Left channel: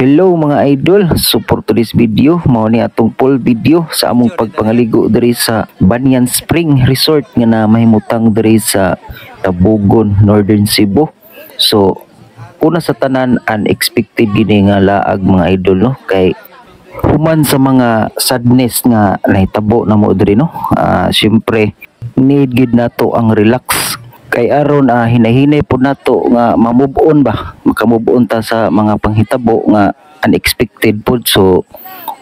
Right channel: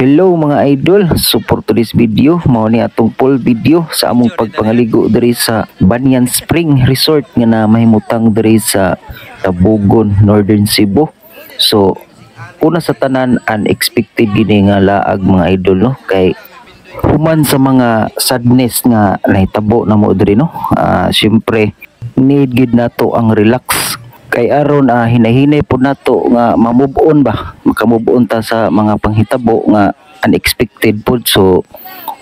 Hello mga idol, so for today's video, mao ni atong full video sa among pagpangaligo diri sa Banyan Spring Resort nga na mahimutang diri sa Tabugon, Northern Cebu. So una sa tanan, unexpected gini nga laag mga idol, no, kay human sa mga sadness nga nahitabo na mo diri, no. Syempre need gid nato ang relax. Kay aron hinahinay po nato nga ma-move on ba, maka-move on ta sa mga panghitabo nga unexpected po. So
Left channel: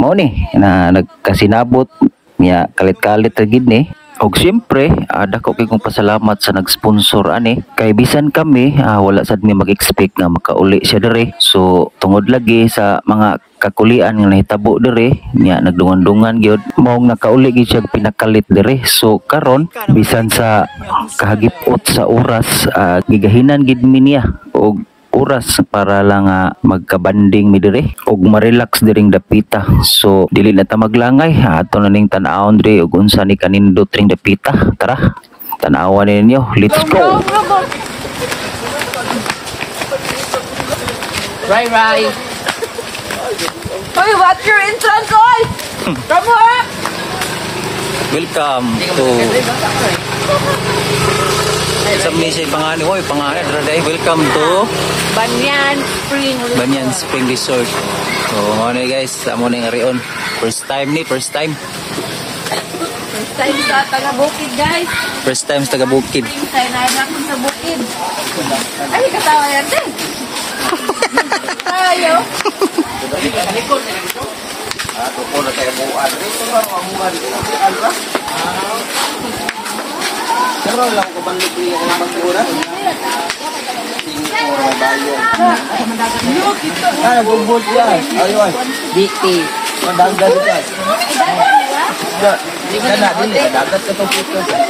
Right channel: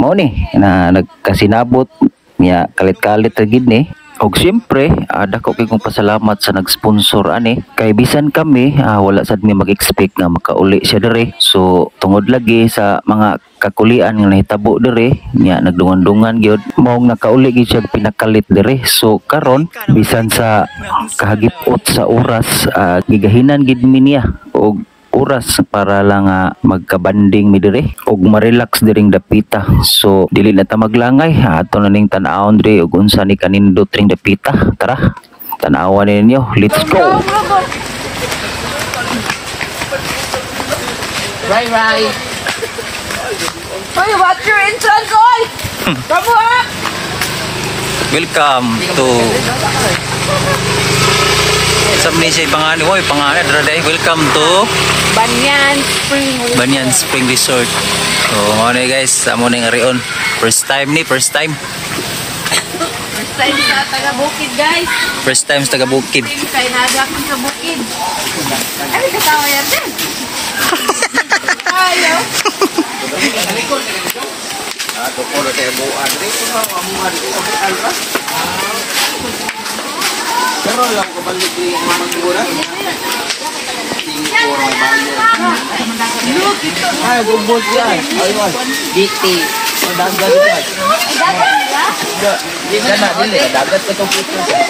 mao ni na nagkasinabot niya kalit-kalit ra gid ni. Og syempre dako kay kong pasalamat sa nag-sponsor ani, kay bisan kami wala sad mi mag-expect nga makauli siya dire. So tungod lagi sa mga kakulian nga nahitabo dire nya nagdungan-dungan gyud mao nakauli gid siya pinakalit dire. So karon bisan sa kahagipot sa oras gigahinan gid mi niya og oras para lang magkabanding mi dire og ma-relax diring dapita. So dili na ta maglangay, ato na ning tan-awon dire og unsa ni kanindot ring dapita. Tara, tan-awan ninyo, let's go. Ray. Hoy, what's your entrance, oy? Come on! Welcome to Samni siya pangani, woy pangani dray. Welcome to Banyan Spring Resort. So mo ni guys, amo ning arion. First time First time sa taga-bukid, guys. First time sa taga-bukid. Kaya nadakin sa bukid. Ay, katawa yan din. Ayaw. Ay, bubot yan. Ayun. Biti. Dagat yan. Dagat dili. Dagat ko itong puto siya.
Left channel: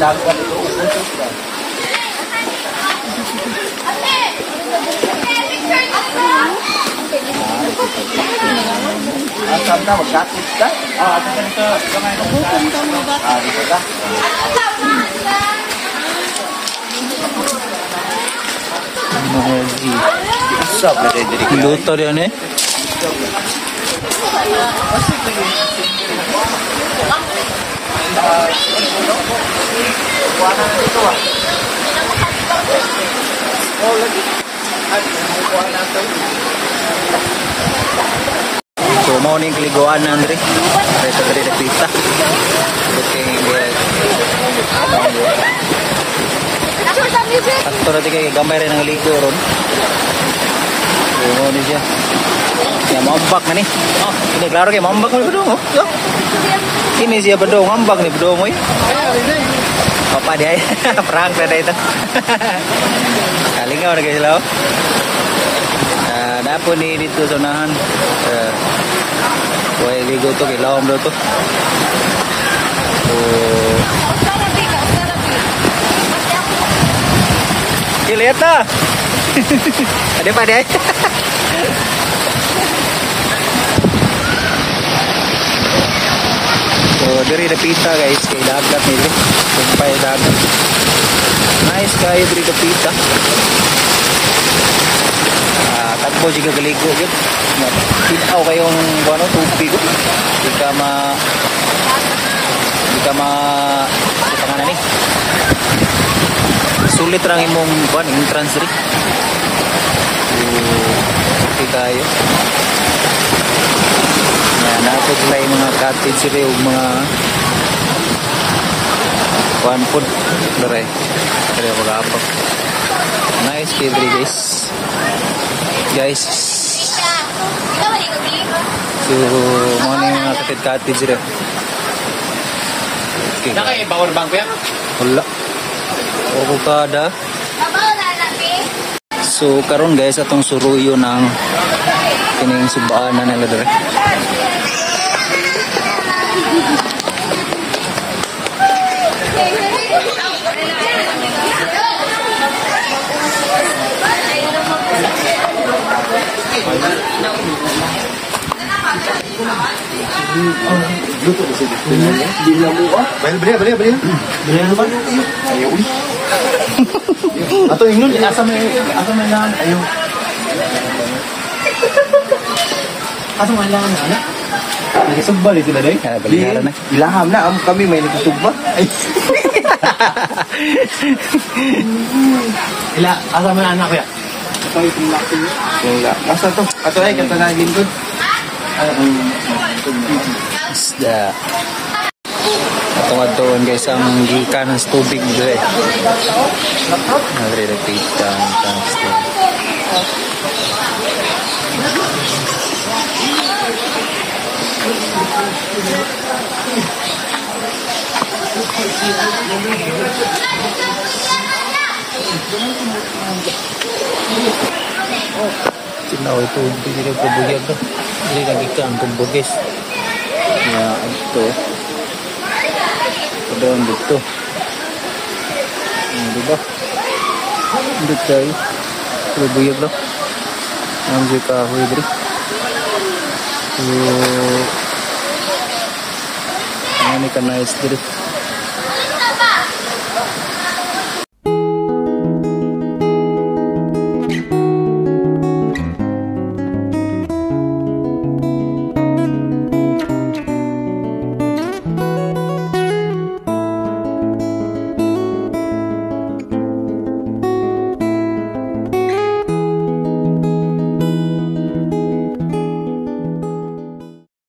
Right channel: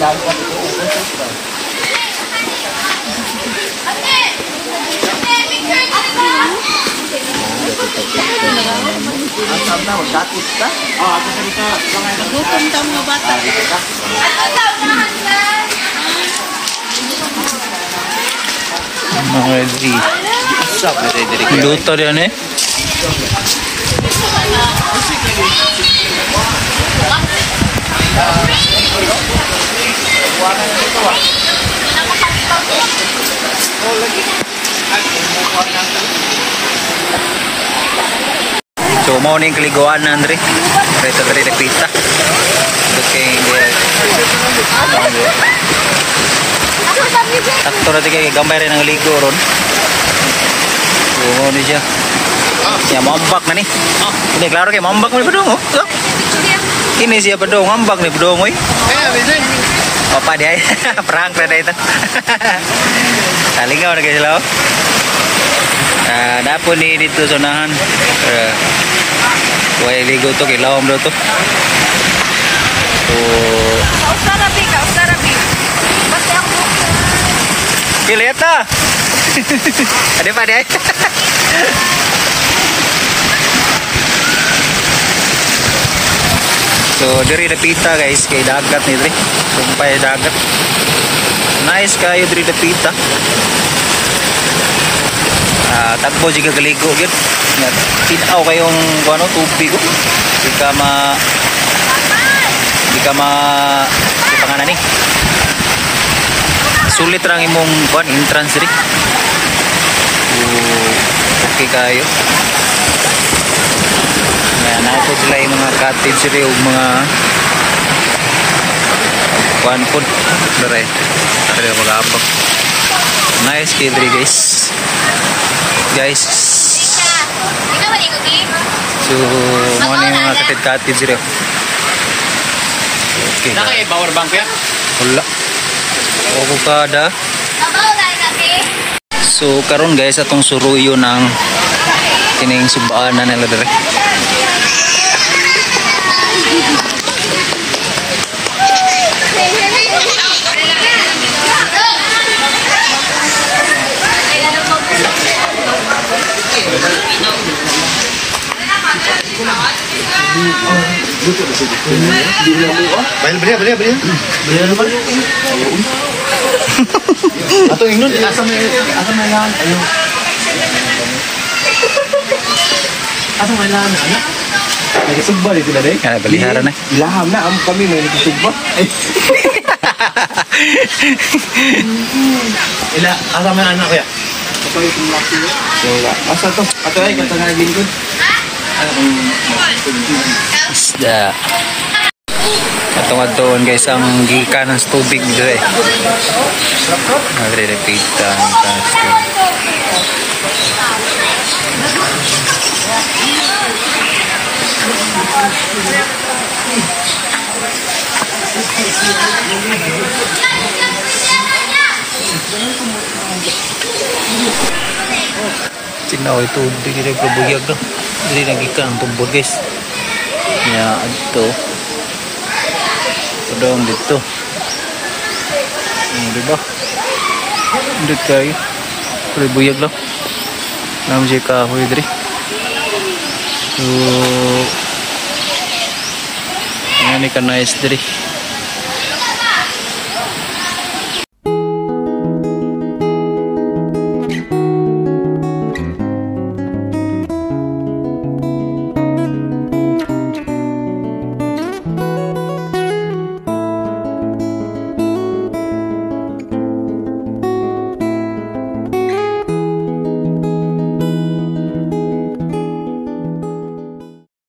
Dagat ito. Asam na, magdatis ka? Asam ka. Gutom ka mo ba? Mga di. Luto yan eh. So mau ning kaliguan na Andre. Rito dari dapita. Okay, sakto na kay gamay rin ang ligo ron. So mau ni siya. Ya mambak na ni. Ini klaro kay mambak mo bedong. Ini siya bedong mambak ni bedong oi. Apa dia? Perang na dito. Talingaw na guys lao. Dapo ni dito sa unahan. Way ligo to kay lawom daw to. So lihat na. Ada pa dia. So diri dapita guys kay dagat ni diri. Sumpay dagat. Nice kayo diri dapita. Tagbo juga galigo gid. Tinaw kayong ano tubig ko. Di ka panganan ni. Sulit rang imong kuan entrance diri. Okay kayo. Na po sila yung mga cottage diri ug mga kuan pod dere. Dere mag-abak. Nice kay diri guys. So mo ni mga cottage diri. Okay. Nakay power bank ya? Wala. O kada. So karon guys atong suruyo ng kining subaan na nila dire. Luto na siya dito. Bili na mo. Bili. Bili na naman. Ayun. Ato ingnon, asa may lang. Ayun. Asa mga ilahan na, anak? Nagisugba rin sila, day? Kaya balihara na. Ilaham na, amo kami may nagisugba. Asa mga anak kaya? Ito yung laki. Wala. Asa to? Ato ay, kanta na lingkod. Isda. Atong guys ang gikanan sa tubig dito eh. Nagre-repeatan sa tubig. Tinaw itu diri probuyag do. Diri lagi kang tubod guys. Ya adto. Padong dito. Di ba? Dito kayo. Probuyag lang. Nam je kahoy diri. So, ini kan nice diri.